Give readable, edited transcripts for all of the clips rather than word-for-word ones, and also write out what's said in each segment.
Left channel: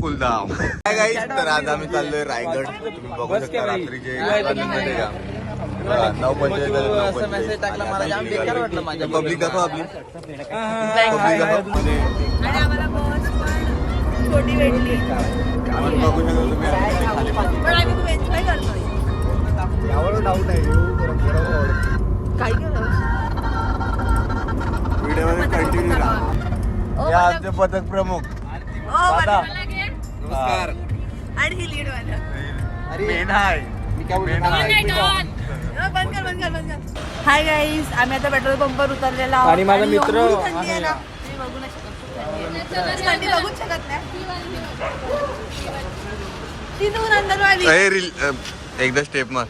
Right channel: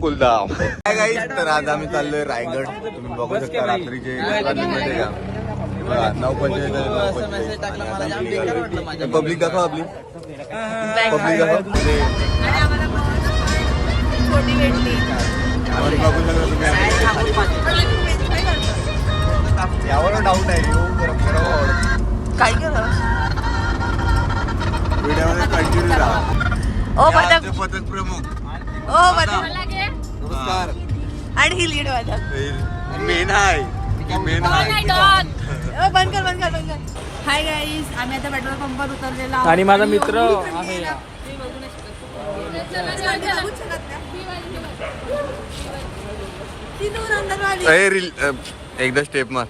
कुलधाम काय गाईस. तर आज आम्ही चाललोय रायगड. तुम्ही बघू शकता रात्रीचे मध्ये का हे बघा 9:45 झाले 9:45 आणि आता आम्ही निघालो. पब्लिक दाखव आपली पब्लिक दाखव. बघू शकता तुम्ही खाली काय व्हिडिओमध्ये कंटिन्यू राहा. आमचे पथक प्रमुख नमस्कार. आणि ही लीड वाला मेन आहे मेन आहे. हाय गाईस, आम्ही आता पेट्रोल पंपवर उतरलेला आहोत आणि माझा मित्र आहे. तुम्ही बघू नाही शकत नाही. ती दूर अंदरवाली एकदा स्टेप मार.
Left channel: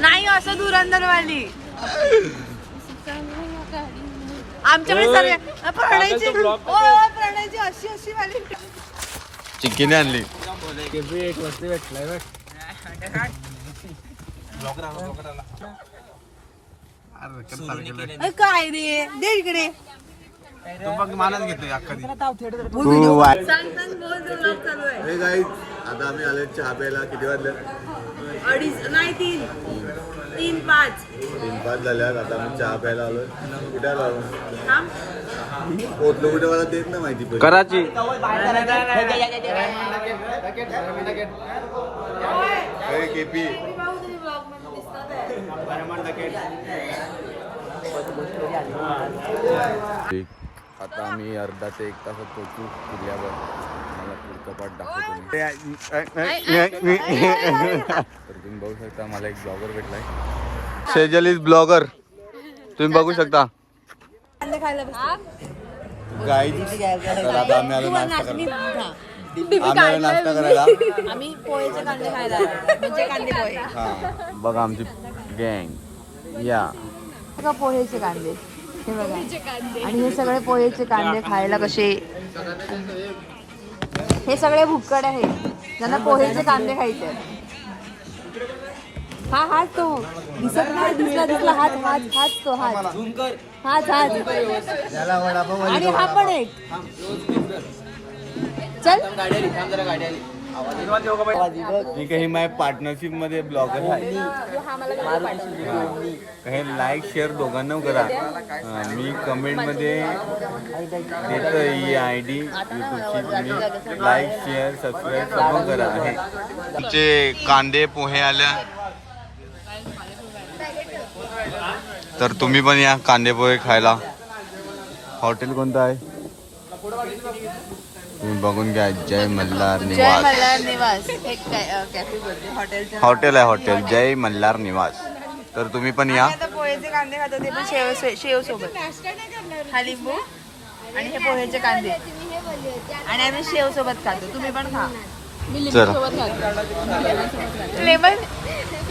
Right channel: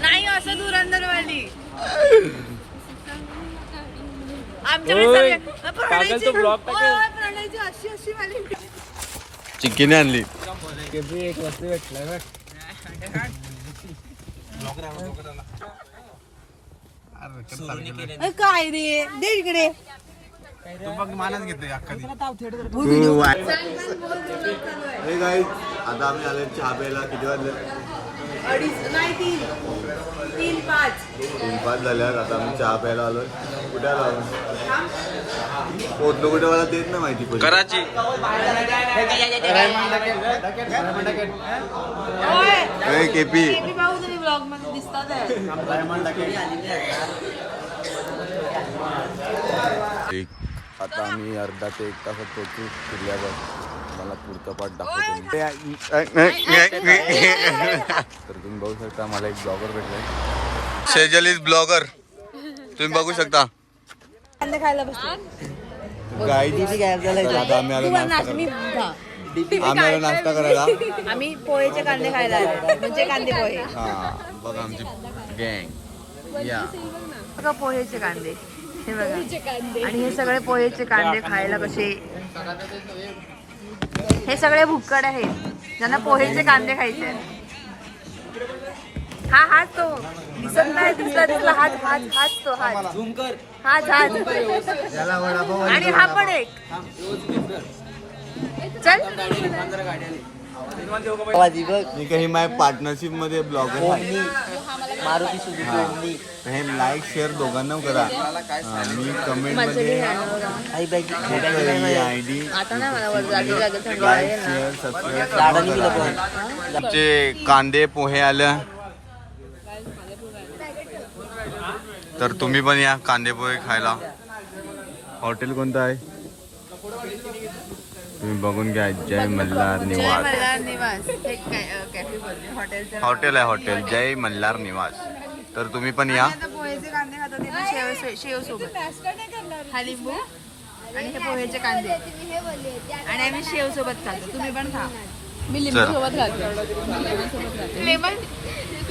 नाही असं दूर अंदरवाली आमच्याकडे सगळे प्रणयची अशी अशी वाली चिक्कीने आणली. एक वस्तू भेटलाय बघ. काय रे दे इकडे. आता आम्ही आलो चहा प्यायला. किती वाजले? 3-5 झाल्यावर आता आम्ही चहा प्यायला आलोय. कुठे आलो? पोचलो कुठे मला देत ना माहिती. कराची केपी. आता आम्ही अर्धा ते 1 तासात पोहोचू किल्ल्यावर. मला पुढचा पाठ दाखवतो. तर तुम्ही बघू शकता मला एक ब्लॉगर भेटलाय. Sejal is blogger. तुम्ही बघू शकता. आता आम्ही आलो नाश्ता करायला. आम्ही पोहेचे कांदे खायला आलो. म्हणजे कांदे पोहे. हा बघा आमची गँग. या बघा पोहेचे कांदे. हे बघा. आणि हे सगळे पोहेचे कांदे खायला कसे. हे सगळे भुक्कड आहेत ज्यांना पोहेचे कांदे खायचे आहेत. हा हाच तो दिसत नाही. दिसला हाच तो हाच. आणि हा पण एक. चल मी काही माझ्या पार्टनरशिप मध्ये ब्लॉगर आहे. हे लाईक शेअर दोघांना करा. मी कमेंट मध्ये ID लाईक शेअर सबस्क्राईब सर्व करा. आमचे कांदे पोहे आल्या. तर तुम्ही पण या कांदे पोहे खायला. हॉटेल कोणतं आहे तुम्ही बघून घ्या. जय मल्हार निवास हॉटेल आहे. हॉटेल जय मल्हार निवास. तर तुम्ही पण या. पोहेचे कांदे खातो ते पण शेव सोबत. हा लिंबू आणि हे पोहेचे कांदे आणि आम्ही शेव सोबत खातो. तुम्ही पण खा. चला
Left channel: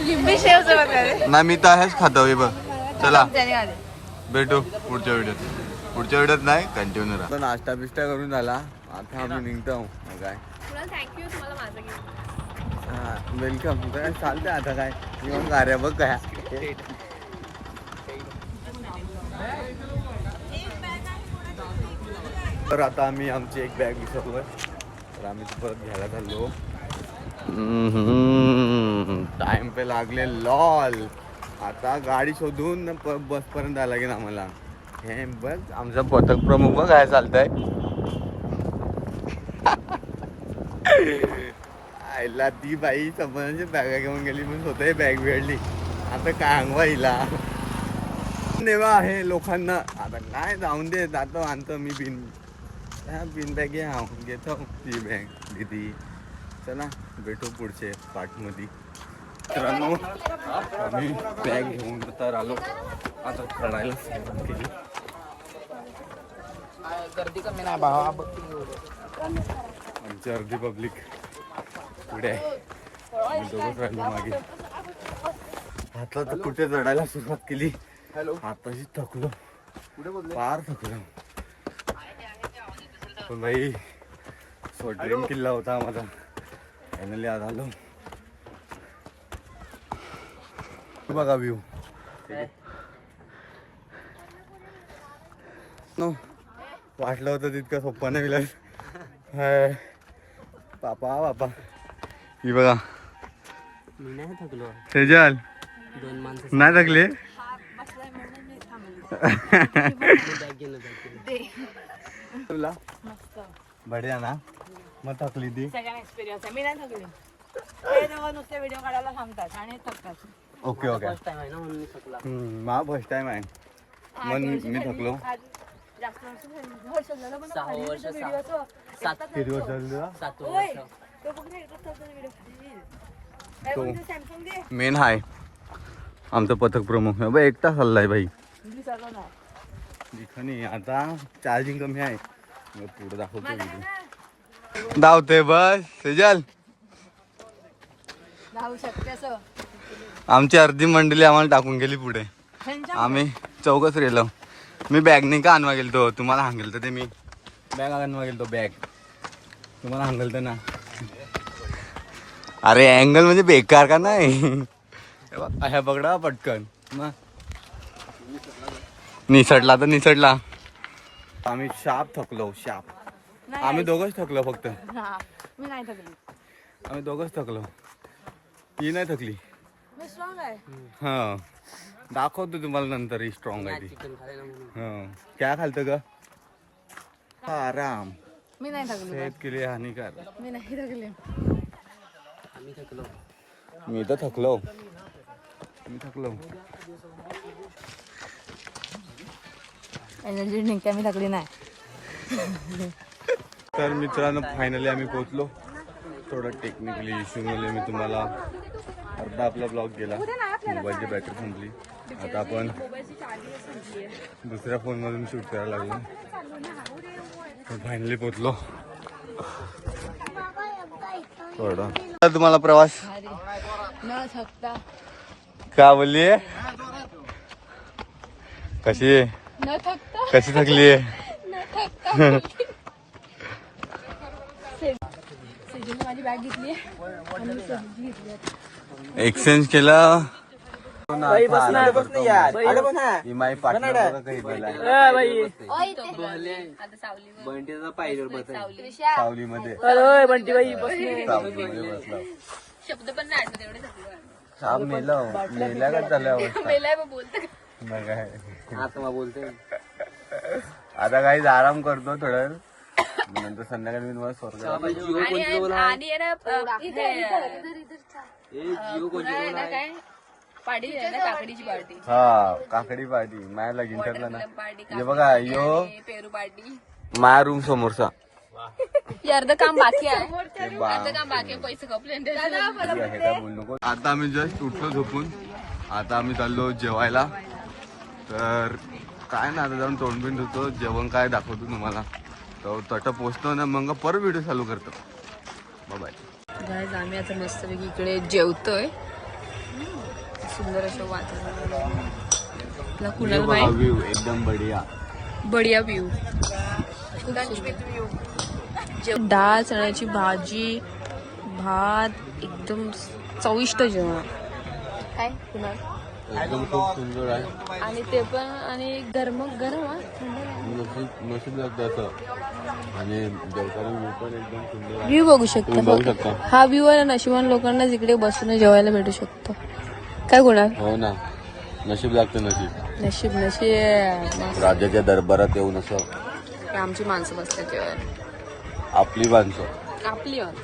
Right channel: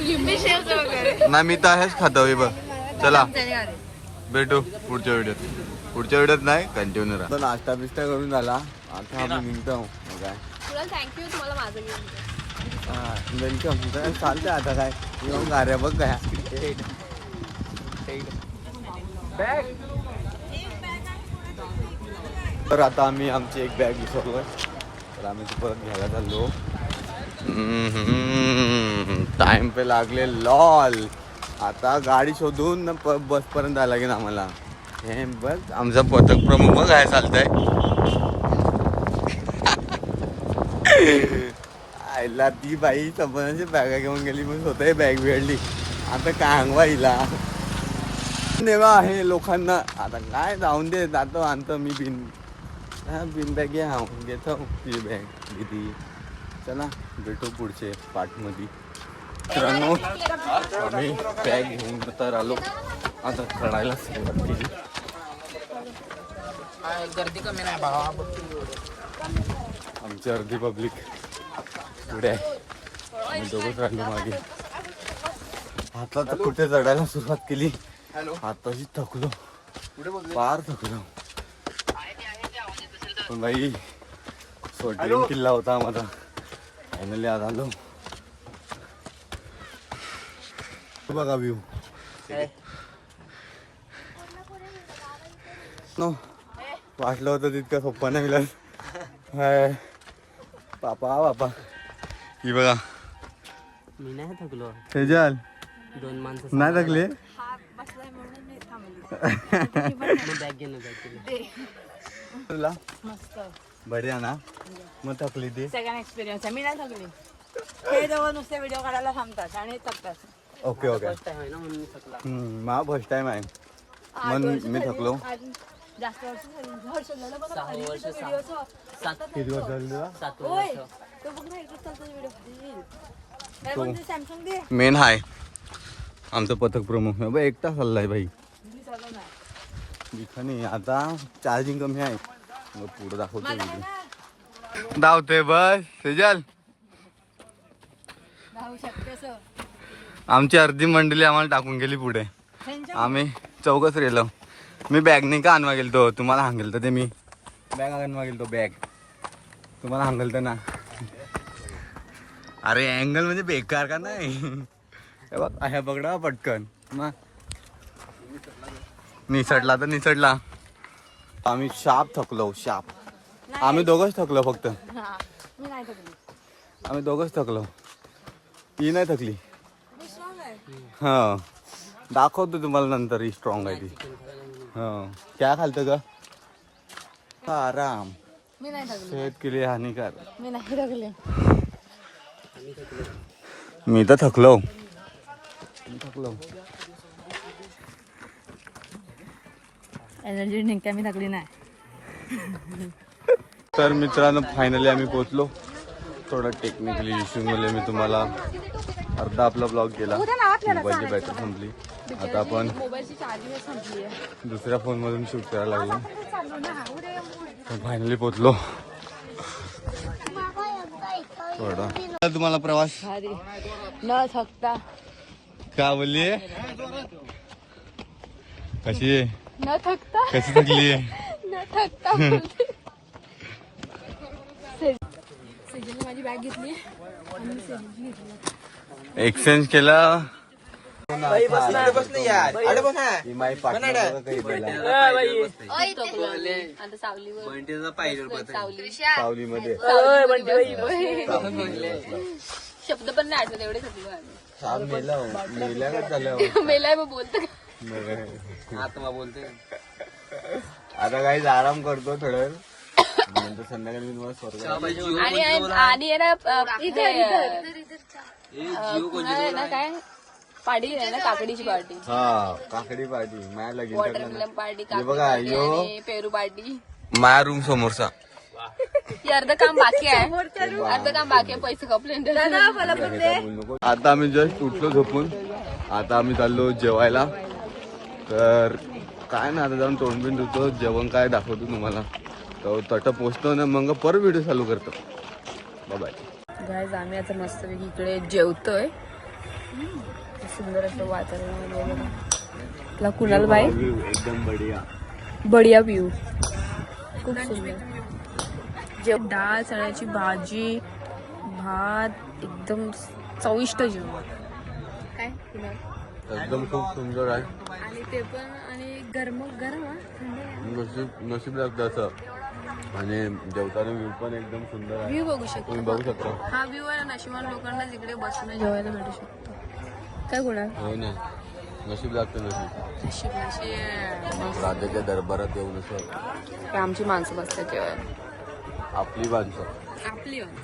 लिंबू शेव सोबत. नाही मी तर आहेच खातो. बघ चला भेटू पुढच्या व्हिडिओत नाही कंटिन्यू राहा. नाश्ता बिस्टा करून झाला. आता आम्ही निघतो. काय वेलकम. काय चालतंय आता. काय येऊन गाड्या बघ काय. तर आता आम्ही आमची एक बॅग विसरलोय. तर आम्ही ती परत घ्यायला चाललो. टाइम पे लागले लॉल. आता गाडी शोधून बस पर्यंत आला की आम्हाला. हे बघ आमचा पथक प्रमुख बघ काय चालतंय. आईला ती बाई संबंधाची बॅगा घेऊन गेली म्हणून स्वतः बॅग वेळली. आता काय अंगवा हिला नेवा आहे लोकांना. आता काय जाऊन दे. जातो आणतो मी बिन बॅग घेतो ती बॅग दिदी. चला भेटू पुढचे पाठमध्ये. मित्रांनो आम्ही बॅग घेऊन तर आलो. आता चढायला सुरुवात केली. गर्दी कमी नाही बाळा. आमची अर्धी पब्लिक पुढे आहे. आम्ही दोघंच राहिलो मागे. आता तर कुठे चढायला सुरुवात केली. आताशी थकलो. फार थकलो. पण बाई ड्रीम किल्ला होता माझा. फायनली आज आलो. बघा व्ह्यू. वाटलं होतं तितकं सोप्पा नाही मिळालं. हाय बापा बापा. ही बघा मी नाही थकलो. सेजल 2 माणसं नाही थकली? हा बसलाय म्हणून नाही थांबली. तुला मस्त बढिया ना. मग थकली ती. सगळ्यांना एक्सपिरियन्स आहे. मी नाही थकली. ते जेव्हा नुसते व्हिडिओ काढायला थांबतात आणि थकतात. Okay okay. फर्स्ट टाइम आहे ना म्हणून मी थकला. माझा फर्स्ट टाइम आहे मग मी थकलो. जास्त वर्ष झाली. वर्ष झालं पण सहा व्हिडिओ वर्ष, असं किती वर्ष झाली तुला? 7 होय. वर्ष. तो बघ ना एकच चालतो व्हिडिओ. सॅमसंग दे. मेन हाय आमचं पथक प्रमुख. बघ एकटा चाललाय भाई. दिखा नाही आता. चार्जिंग कमी आहे मग पुढे दाखवतो व्हिडिओ. धावते बस सेजल. धावू शकते असं. आमची अर्धी मंडळी आम्हाला टाकून गेली पुढे. आम्ही चौघच राहिलो. मी बॅग नाही का आणवा गेलतो. तुम्हाला सांगेल ते मी बॅग आणवा गेलतो. बॅग तुम्हाला सांगेल ना. अरे अँगल म्हणजे बेकार का नाही. अशा पकडा पटकन मग निसटला तर निसटला. आम्ही शाप थकलो. शाप आम्ही दोघंच थकलो फक्त. मी नाही थकली. आम्ही दोघंच थकलो. ती नाही थकली. मी स्ट्रॉंग आहे. हा दाखवतो तुम्हाला नंतर ही स्ट्रॉंग आहे ती. चिकन खायला म्हणून. हा काय खालतं का आराम. मी नाही थकली. सेहत के लिए हानिकारक. मी नाही थकले. आम्ही थकलो. मी तर थकलो. मी थकलो. एनर्जी निघते. मी थकली नाही. तर मित्रांनो फायनली आम्ही पोहोचलो. थोडा टेक्निकली इश्यू मुळे मी तुम्हाला अर्धा आपला ब्लॉग केला. मोबाईलची बॅटरी संपली. आता आपण दुसऱ्या फोनमधून शूट करायला लागलो. तर फायनली पोहोचलो. थोडा तुम्हाला प्रवास न थकता. का बोलली कशी न थकता. कशी थकली सेजलने माझी बॅग घेतली आणि मी सेजलची घेतली आता. एक्सचेंज केला. सावलीमध्ये शब्द पण नाही असं तेवढे थकले. साप मेला का झाल्यावर मेलाय मग बोलतो. मग काय आता बोलते. आता काहीच आराम करतो थोडं. नंतर संध्याकाळी मी तुम्हाला स्वर्ग आणि आहे ना इथे ना काय पार्टी आहे ना काकडीची पार्टी. हा काकडी पार्टी माया लगीन ठरलं ना. पार्टी हे बघा यो पेरू पार्टी. माया रूम समोरचा. अर्ध काम बाकी आहे. अर्ध काम बाकी आहे. पैसे कपले काय बोलू नको. आता आम्ही जस्ट उठलो झोपून. आता आम्ही चाललो जेवायला. तर काय ना आता जाऊन तोंडबिंड धुतो. जेवण काय दाखवतो तुम्हाला. तर तट पोचतो ना मग परत व्हिडिओ चालू करतो. बाय. गाईज आम्ही आता मस्तपैकी इकडे जेवतोय. सुंदर असं वातावरण. आपला कुणाल बाई एकदम बढिया बढिया व्ह्यू. डाळ चण्याची भाजी भात एकदम चविष्ट जेवण. काय कुणाल एकदम खूप सुंदर आहे. आणि ते पण आणि गरम गरम थंड नशीब लागतं असं. आणि जेवताना व्ह्यू पण एकदम सुंदर आहे. व्ह्यू बघू शकता. बघू शकता. हा व्ह्यू आहे नशिबान लोकांना जिकडे बसून जेवायला भेटू शकतो. काय कुणाल हो ना नशीब लागतं. नशीब नशीब नशीब मस्त. राजाच्या दरबारात येऊन असं हे आमची माणसं बसतात जेवायला. आपली माणसं आपली माणसं.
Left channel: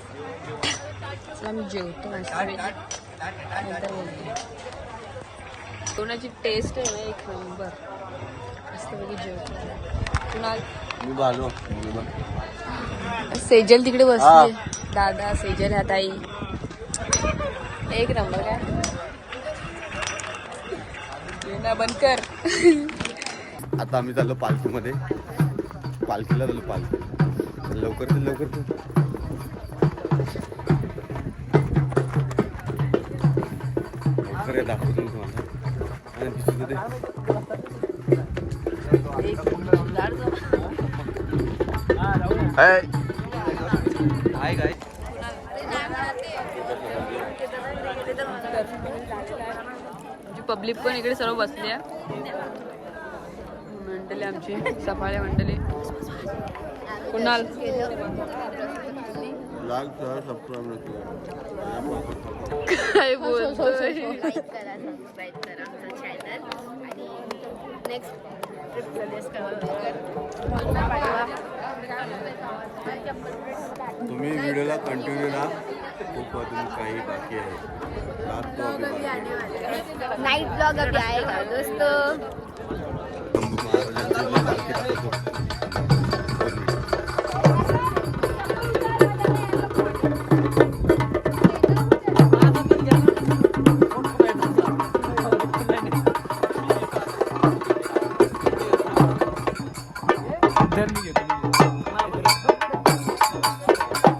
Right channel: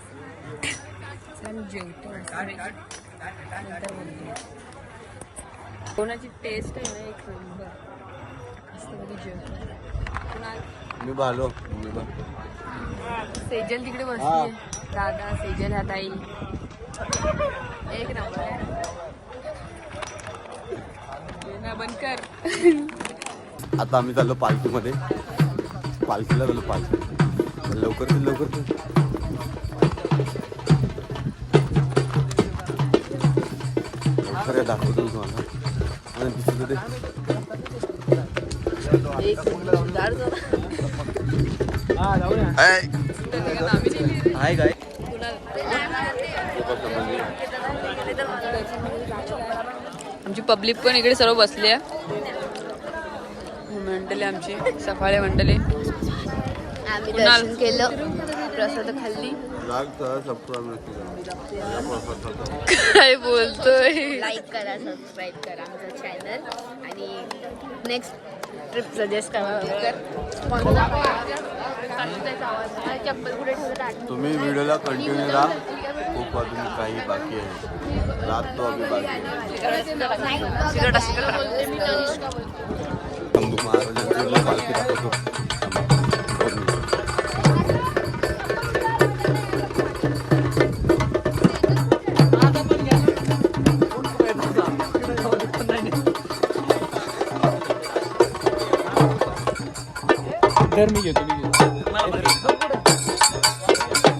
चला मी जेवतो मस्त नंतर बोलतो. जेवणाची टेस्ट आहे ना एक नंबर. मस्तपैकी जेवतो. कुणाल मी भालो. सेजल तिकडे बसली. दादा सेजल ह्या ताई एक नंबर. काय येणं बंद कर. आता आम्ही चाललो पालखीमध्ये. पालखीला चाललो. पालखी लवकर लवकर लवकर दाखवतो तुम्हाला. आणि दुसरीकडे हाय काय आमची पब्लिक पण इकडे सर्व बसली आहे. मंडळी आमची सफाळे मंडळी आम्ही कुणाल? दर्शन केलं, प्रसाद खाल्ली. काय बोलतोय? लाईक करा, सबस्क्राईब करा आमचं चॅनल आणि नेक्स्ट ट्रिप सजेस्ट करा. चप्पल कुठे ठेवलं? तुम्ही व्हिडिओला कंटिन्यू राहा. खूप अजून काही बाकी आहे. रात तो अभी बाकी आहे. नाईट शंभू महाराजांची मी पालखी दाखवतो.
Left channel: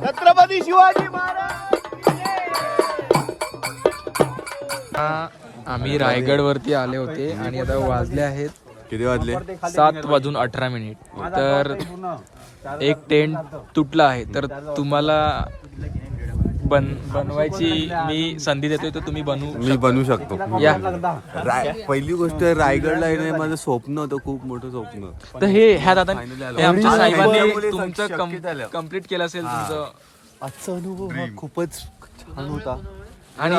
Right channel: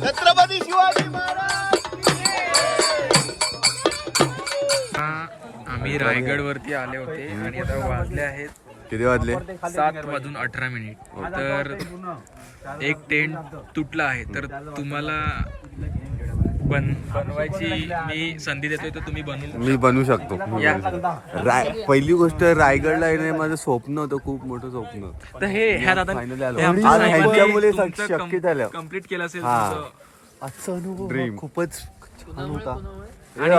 छत्रपती शिवाजी महाराज. आम्ही रायगड वरती आले होते आणि आता वाजले आहेत किती वाजले? 7:18. तर एक टेंट तुटला आहे, तर तुम्हाला बनवायची मी संधी देतोय, तर तुम्ही मी बनवू शकतो. या. पहिली गोष्ट रायगडला येणे माझं स्वप्न होतं, खूप मोठं स्वप्न. तर हे ह्या दादा हे आमच्या साहेबांनी तुमचं कम्प्लीट केलं असेल तुमचं. आजचा अनुभव खूपच छान होता. आणि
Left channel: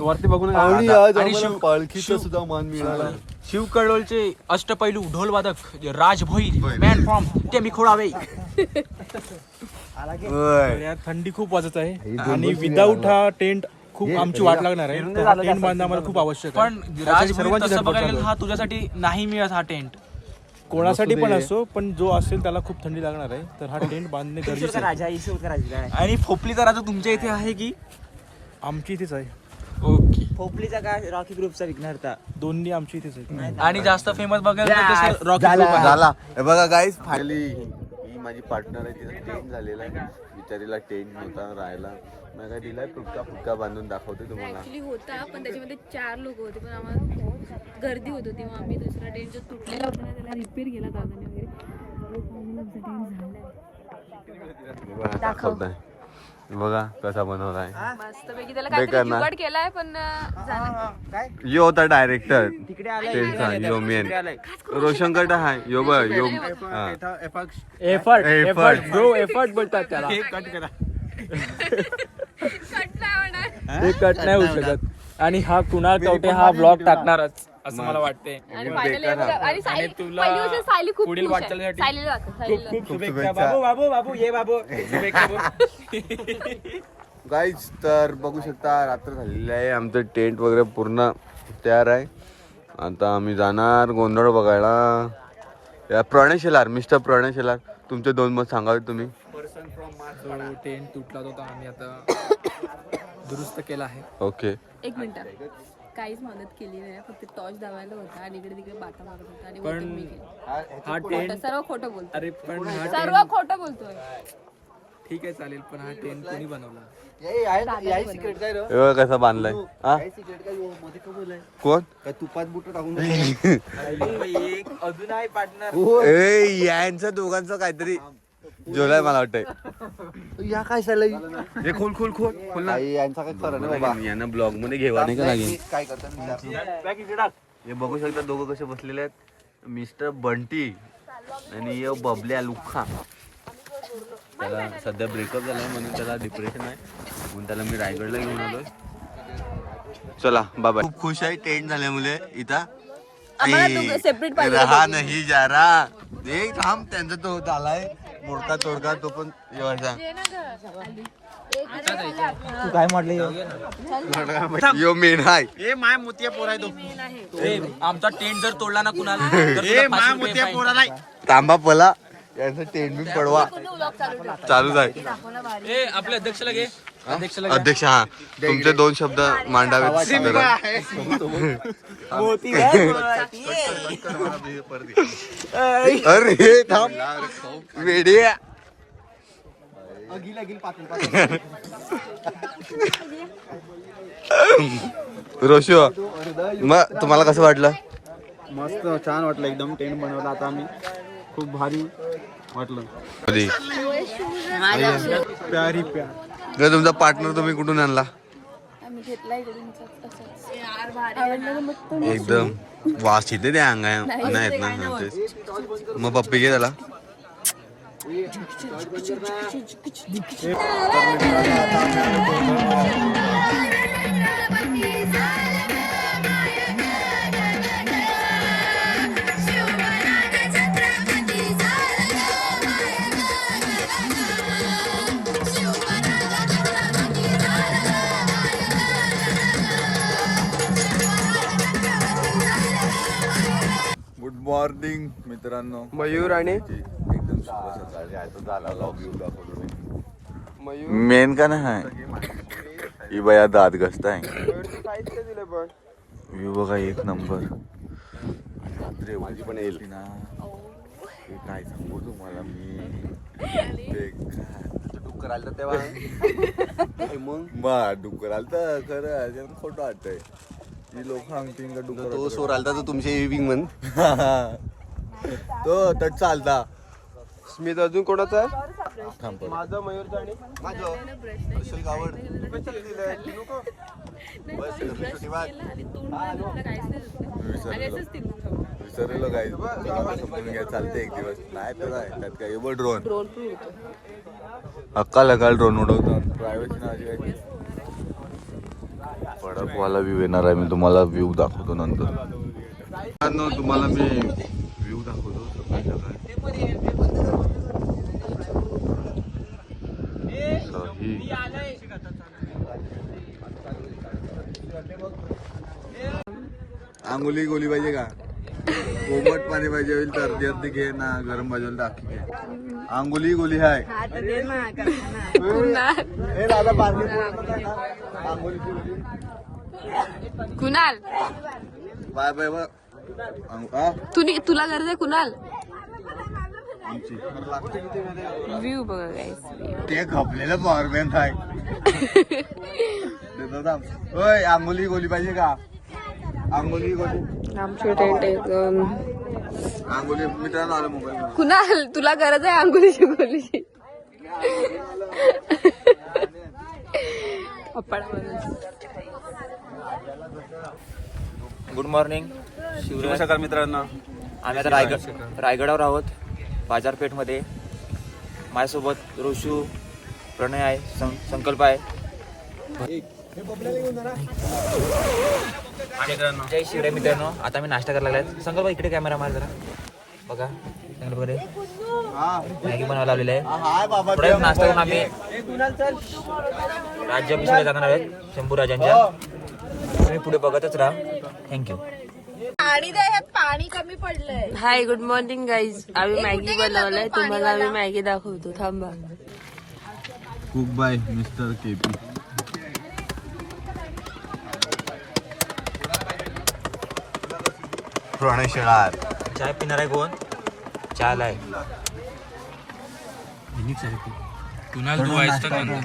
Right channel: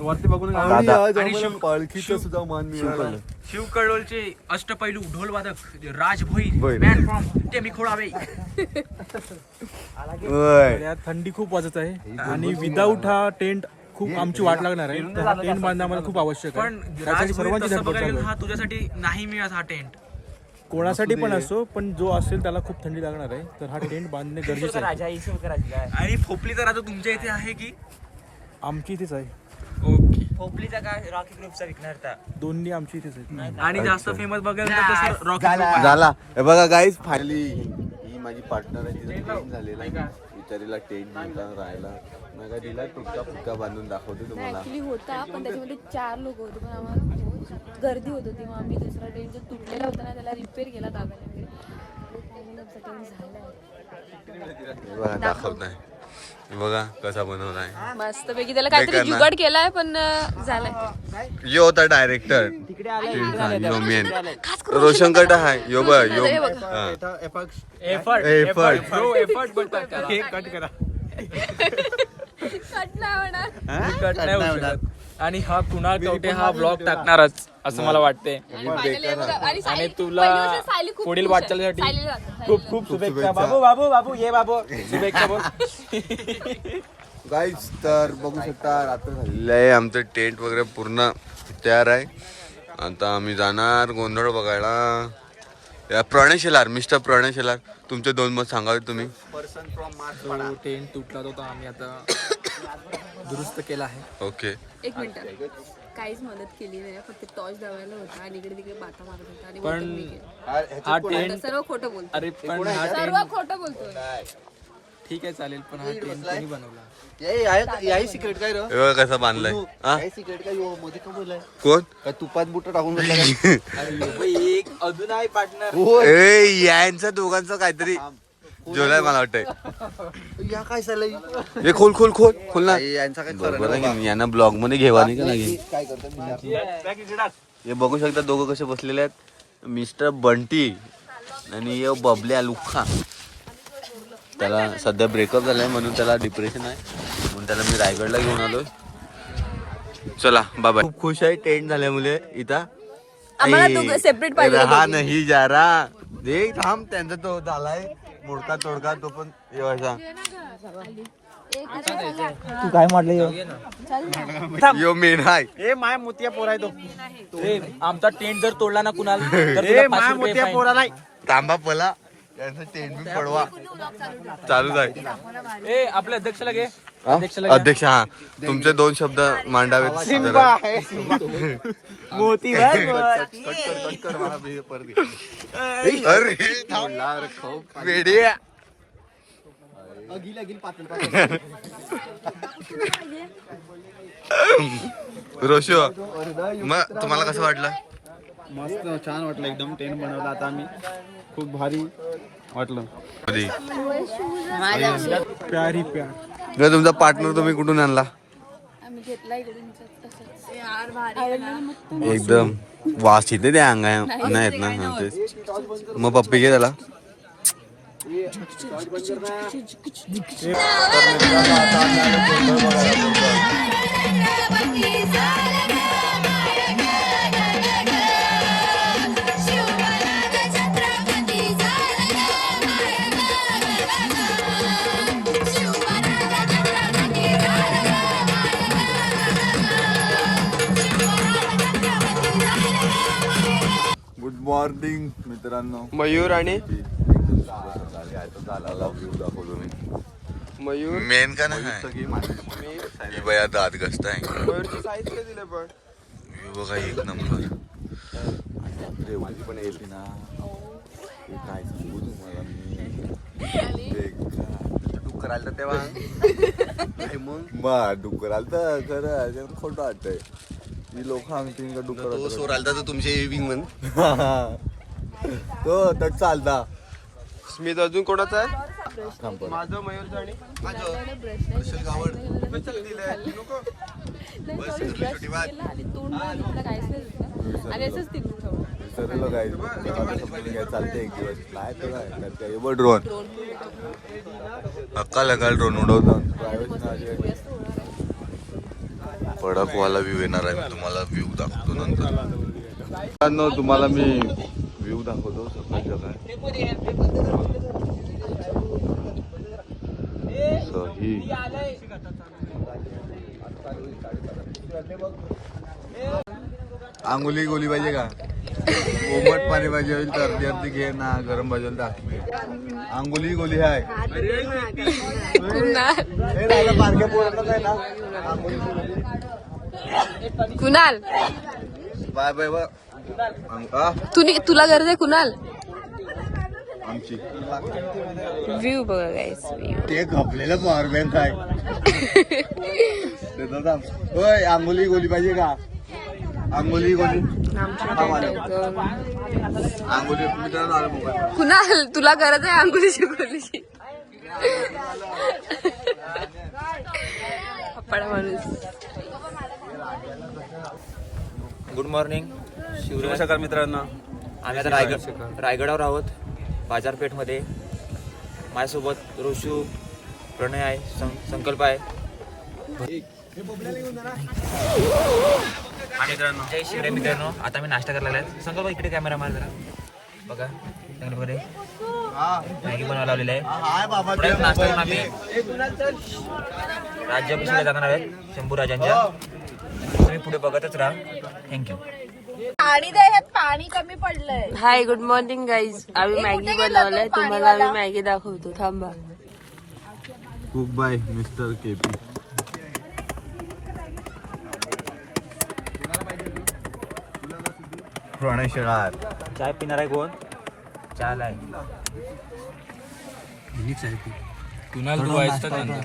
वरती बघून आणि आज आणि आम्हाला शिव- पालखीचा सुद्धा मान मिळाला. शिव कडोलचे अष्टपैलू ढोलवादक जे राजभोई मॅन फ्रॉम टेमी खोडावे. थंडी खूप वाजत आहे आणि विदाऊट हा टेंट खूप आमची वाट लागणार आहे. तर हा टेंट बांधणं आम्हाला खूप आवश्यक आहे. पण त्यासाठी राजभोई सर्वांची तसं धडपड बघायला चालू गेलं, आहे. हा तुझ्यासाठी नाही मिळत हा टेंट. कोणासाठी पण असो, पण जो असेल त्याला खूप थंडी लागणार आहे, तर हा टेंट बांधणे गरजेचं आहे. आणि फोपली तर आता तुमच्या इथे आहे की? आमची इथेच आहे. ओके. दोन्ही आमची इथेच आहेत. आणि जास्त फेमस बघायला तर तसं रॉकी ग्रुप आहे. झाला. हे बघा गाईज, फायनली ही माझी पार्टनर आहे. तिचा टेंट झालेला आहे. बिचारीला टेंट नव्हता राहायला. मग काय दिला तुटका फुटका बांधून दाखवते तुम्हाला. ऍक्च्युली होता, पण त्याच्यामध्ये 4 लोक होते, पण आम्हाला गर्दी होत होती. मग आम्ही दुसरा टेंट जो तुटलेला होता ना, त्याला रिपेअर केला दादाने. हे बघा दाखवताय. हे बघा कसा बनवला आहे. मस्त पैकी त्याला काहीतरी जुगाड केलाय, पण झालं. यो होता डायरेक्टर टेंटचा, यो मेन रोशन कट आहे. यो बघ यो एफर्ट बोलतात त्याला. हे कट करा. हे कट नाही होऊ शकत. आणि हा कुणाल कवठे हा ब्लॉग टाकणारच असं मला वाटतंय. आणि तुला पुढील वाटचालीसाठी खूप खूप शुभेच्छा. बाबू ये बाबू शुभेच्छा. गाईज, तर बघू शकता रात्र झालेली आहे. आमचं टेंट वगैरे पूर्ण तयार आहे. आता आम्ही जाणार गोंधळ बघायला. या प्रणेशेलार, मिस्टर प्रणेशेलार, तुमचे 2 मत सांगावे तुम्ही. तो टेंट तुटला होता, आम्ही आता दुरुस्त केला आहे. ओके. एक मिनिट, काहीच मदत केली नाही. फक्त टॉर्च दाबायला होता आणि इकडे तिकडे बाटा मारत होता. आणि पण बोलतो मी केलं. हा टेंट सर्व खोटं बोलतो. अरे पण हा सर्व टेंट खोटं बोलतोय. ठीक आहे चालेल, पण हा टेंट कोणी बनवला? हे बघा कसा बांधलाय. हा? कोण? तुपात बुट टाकून एक अजून आहे पार्टनर. ए, यांचं दोघांचं काहीतरी जोलाय मला वाटतंय. या काय झालंय हे खोल खोल खोल खोल ना. यांचा काय बरोबर आहे, यांना ब्लॉग मध्ये घेवा नाही का नाही. काय करतात हे बघू शकता दोघं कसे बसलेले आहेत. मिस्टर बंटी आणि ये बबल्या लुख्खा. त्याला सध्या ब्रेकअप झालाय म्हणून त्याला डिप्रेशन आहे, म्हणून त्याला मी रायगडला घेऊन आलोय. चला बाबा. खूप खुश आहे टेंट झाल्यामुळे इथं. separate पाहिजे रहा नाही जा रहा. देख थांब, त्यांचा तो झालाय मोडका तोडका, तो पण येवायचा. तू काय म्हटलं? यो मेन हाय. ए माय मोतिया पोरा तो. आमचा टेंट जर तोडला ना कुणाल, तर तुला 5 रुपये fine. तांबा पला याचं टेंट बी पडवा चालूच आहे. ए आपल्या अध्यक्षाला घे. हा? अध्यक्ष, हा तुमचे 2 शब्द मांडावेत जरा. अरे थांब वेड्या. रोशो, मग तुम्हाला कसं वाटलं? मस्त छान वाटलं, एकदम टेंट बनवला आता आम्ही. खूप भारी वाटलं. कधी प्यारी प्यार. जर तुमचा पार्टनर तुम्ही कुठून आणला? आम्ही घेतला इकडून आवडलं मग तो. एकदम वास येते त्या अंगा नाही येत ना. हा, तेच. मग पप्पी घे त्याला. गुड मॉर्निंग मित्रांनो. मयूर आणि एकदम शुभ सकाळ. मला व्ह्यू दाखवतो मी. मेन का नाही ही बया दात घसताय. मयूरची साईज काय दिलं पण व्ह्यू बघा एक नंबर. आणि रात्री एवढी पण येते ना हे काय सांगू तुम्हाला मी. बेकार डुक्कर आलं तर तेव्हा मग डुक्कर आलं तर खरं खोटं वाटतंय. ही लोक सांगतील का डुक्कर सोर आलता तर तुमचे विंग म्हण. तो तट चालता. स्मित अजून कोणाचा आहे थांब परत. माझं मयूरचं आणि विसरलेलो काय समजून घ्या चालते एक दिवस. नाही तर काय त्यात काय एवढं ड्रोन अक्काल ड्रोन उडवतो. प्रायव्हेट कडकवाला व्ह्यू येणार आहे. मी तुम्हाला व्ह्यू दाखवतो नंतर. तुम्हाला मी व्ह्यू दाखवतो सकाळ आंघोली गोली पाहिजे का? कोमट पाणी पाहिजे होईल तर अर्धी अर्धी घे ना. गरम पाहिजे होईल तर आखी घे. आंघोली गोली आहे. Kunal bye bye bye. तुला गरज आहे कुणाल? आमची व्ह्यू बघा गाईस. व्ह्यू ते घपलेलं पॉवर बँक आहे. ओय आंघोली गोली पाहिजे का? आंघोली गोली आमचं टेंट येते. आंघोली मित्रांनो आलं मोबाईल. कुणाल तुला गरज आहे आंघोळीची गोलीची? अप्पाडा माणूस. Good morning. शुभ सकाळ मित्रांनो. आम्ही आता रायगडावर आहोत बाजारपेठमध्ये. माझ्यासोबत रोशू, प्रणय आहे, संकल्प आहे. जय शिवराय मित्रांनो. आता मी नाश्ता करायला लागलाय. संकल्प इकडे कॅमेरा मार जरा बघा. चांगलं वगैरे मॅगी बनवायला लावलेलं आहे. पुढे नाश्ता करून आम्ही राज्याभिषेकाला जाणार आहोत शंभू राजांच्या. तुम्ही पुढे बघतच राहा. थँक्यू. पाणी कमी पडलंय. Hi good morning guys. आम्ही मॅगी बनवलंय. तुम्हाला आम्ही मॅगी दाखवतो. थांबा. Cook by mister KP. Pranay Shelar. चाय पिणार आहे कोण? चहाला आहे. कुणाल तू आहेस का?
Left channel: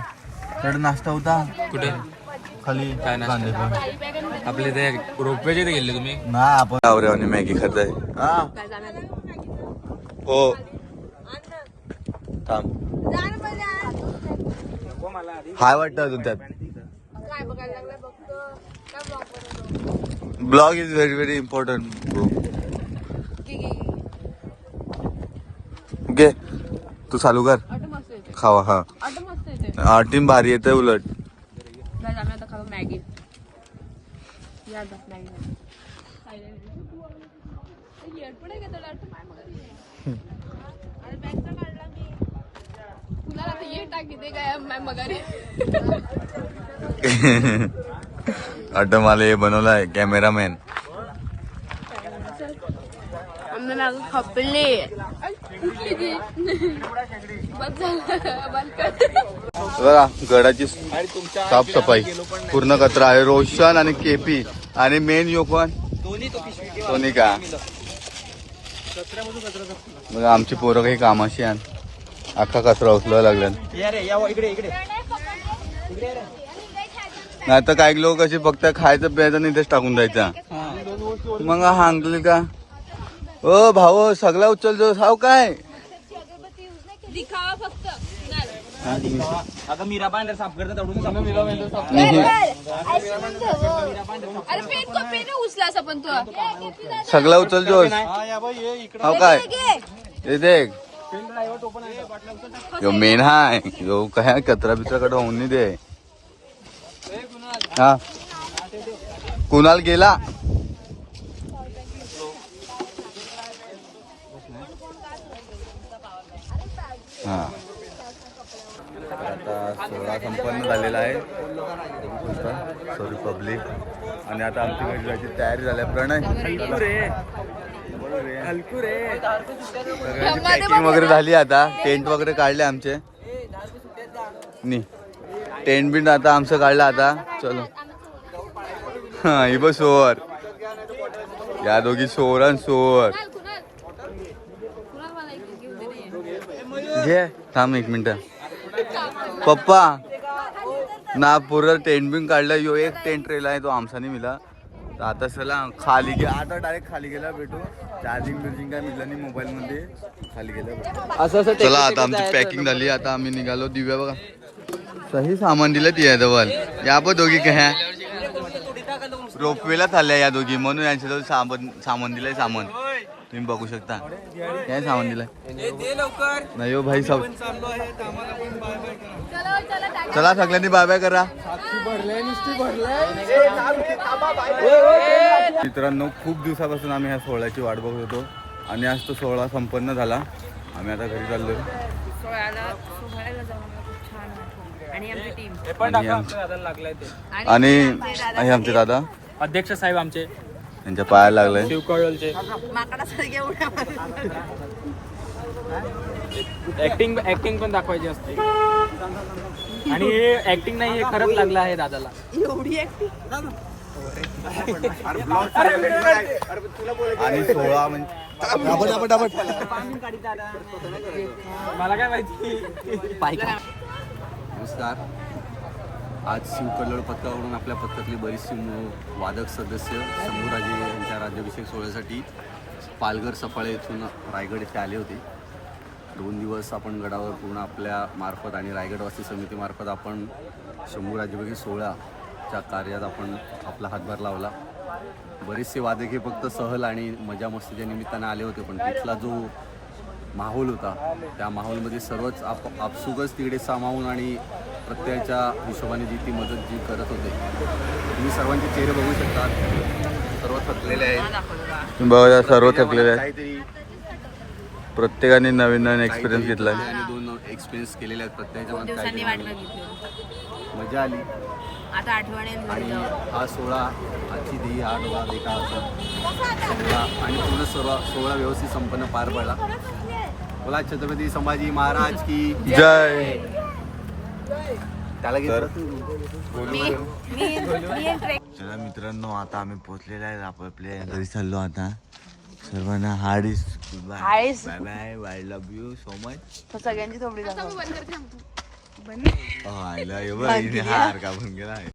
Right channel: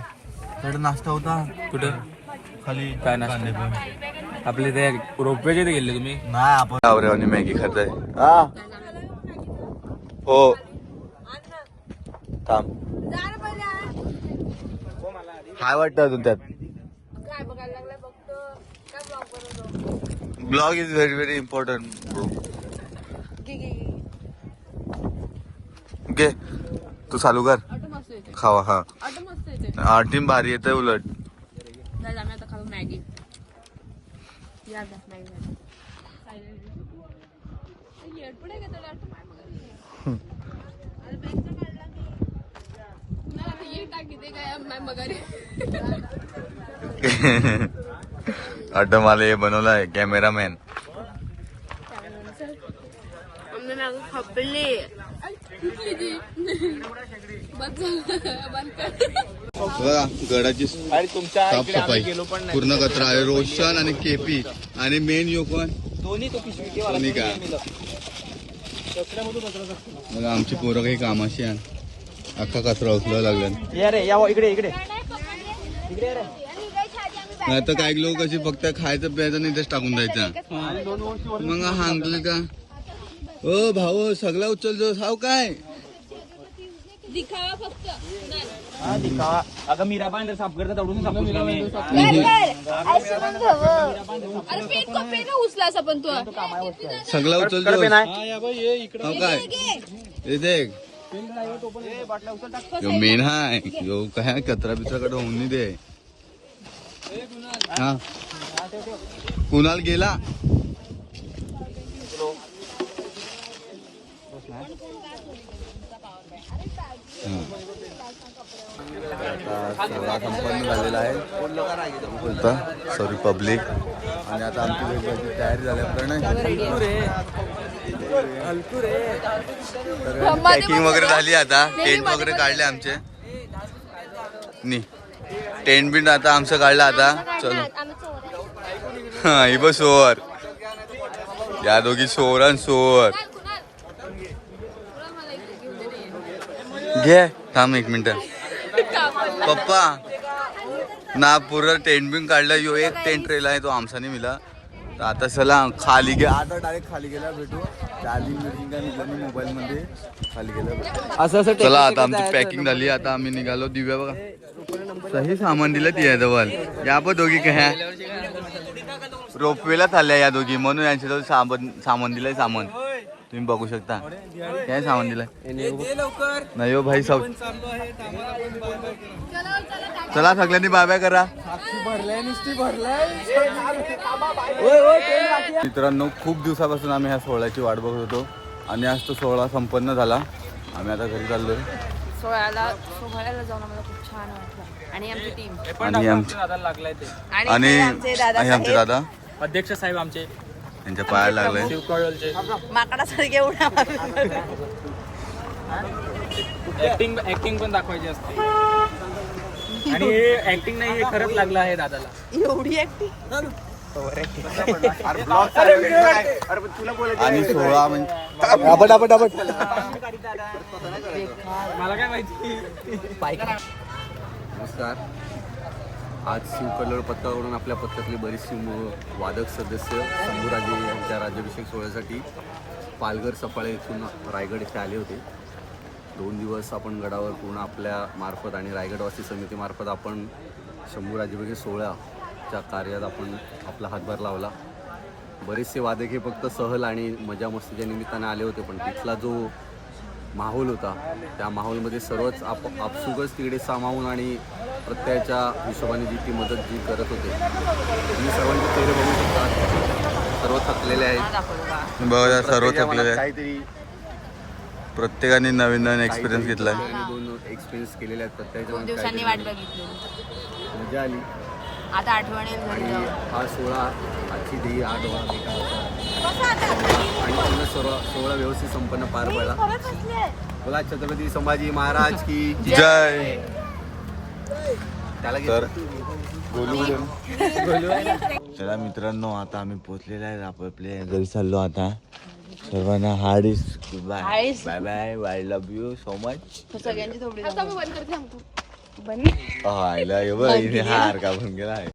तर नाश्ता होता कुठे? खाली काय नाश्ता? कांदे पण आपले ते रोपवेचे ते गेले तुम्ही? नाही आपण आवरे मॅगी खाताय. हा हो थांब. हाय वाटतं अजून त्यात. Blog is very very important bro. Okay तू चालू कर. खावा. हा टीम भारी येते उलट. आम्ही आता खाऊ मॅगी. या मॅगी. अड्ड मला हे बनवलाय कॅमेरामॅन. बघा गडाची साफसफाई पूर्ण कचरा आहे. रोशन आणि केपी आणि मेन यो कोण? सोनी का? बघा आमची पोरं काही कामाशी आण. अख्खा कचरा उचलायला लागला. नाही तर काही लोक असे फक्त खायचं प्यायचं नाही तेच टाकून द्यायचा. मग हांगले का ओ भाऊ सगळा उचल जो साव काय दिखावा फक्त. अगं मीरा पांढर साफ करतात. उचला पण तू सगळा उचल जो काय देख यो मेन हाय यो काय कचरा बिचरा होऊन नाही दे. हा कुणाल गेला. हा तर आता सोहळा संपन्न झालेला आहे. बघू बोलता सॉरी पब्लिक. आणि आता आमची घरी जायची तयारी झाली आहे. प्रणय हलकू रे. सगळ्यांची पॅकिंग वगैरे झाली. आता टेंट वगैरे काढले आमचे. नी टेंट बिंट आता आमचं काढलं. आता चलो. हा ही बघ सोर. या दोघी सोर आणि सोर. घे थांब एक मिनिट. पप्पा ना पूर्ण टेंट बिंट काढलं. यो एक टेंट रेला आहे तो आमचा नाही मिला. तर आता चला खाली गे. आता डायरेक्ट खाली गेला भेटू. चार्जिंग बिर्जिंग काय मिळलं नाही मोबाईल मध्ये. खाली गेला भेटू. चला आता आमची पॅकिंग झाली. आता आम्ही निघालो. दिव्या बघा सही सामान दिलं ती जवळ. या पण दोघी काय रोपवेला चालल्या या दोघी. म्हणून यांच्याजवळ सामान दिलंय. सामान तुम्ही बघू शकता. काय सामान दिलंय नाही हो भाई. सब चला सगळ्यांनी बाय बाय करा. मित्रांनो खूप दिवसापासून आम्ही ह्या सोहळ्याची वाट बघत होतो. आणि आज तो सोहळा संपन्न झाला. आम्ही आता घरी चाललोय. सोहळ्याला जाऊन आम्हाला खूप छान वाटलं. आणि आमची टीम आणि हे आमचे दादा अध्यक्ष साहेब आमचे यांच्या पायाला लागलंय. शिवकळचे माकडासारखे उडा. ऍक्टिंग पण दाखवायची असते. आणि ऍक्टिंग नाही खरंच लागलं आहे दादाला. एवढी ऍक्टिंग. आणि सोहळा म्हणजे मला काय माहिती. नमस्कार. आज शिवकल्लोळ पथकाकडून आपल्या पथकातली बरीचशी वादक सदस्य शंभूराजे यांच्या राज्याभिषेक सोहळ्यासाठी पालघर सफाळे येथून रायगड येथे आले होते. 2 दिवस आपण गडावर पूर्ण आपल्या मार्फत आणि रायगडवासी समितीमार्फत आपण शंभूराज्याभिषेक सोहळ्याच्या कार्यात आपण आपला हातभार लावला. बरेचसे वादक हे फक्त सहल आणि मजा मस्तीच्या निमित्ताने आले होते. पण तिथला जो माहोल होता त्या माहोलमध्ये सर्वच आपसुकच तिकडे सामावून आणि प्रत्येकाच्या हिशोबाने जी मदत करत होते. तुम्ही सर्वांचे चेहरे बघू शकता. सर्व थकलेले आहेत. बघा सर्व थकलेले आहेत. प्रत्येकाने नवीन नवीन एक्सपिरियन्स घेतलाय. आणि 2 एक्सपिरियन्स केलेले आहेत. प्रत्येकाच्या मजा आली. आता आठवणी. आणि हा सोहळा आजची देही हा डोळा देखा होता सोहळा. आणि पूर्ण सोहळा व्यवस्थित संपन्न पार पडला. बोला छत्रपती संभाजी महाराज की जय. तर चला मित्रांनो आता आम्ही पोहोचलेलो आहे. आपल्या घरी चाललो आता. सर्वांना हार्डिस bye bye bye. I love you so much. सगळ्यांची थोडी आयला हार का बन गेला आहे.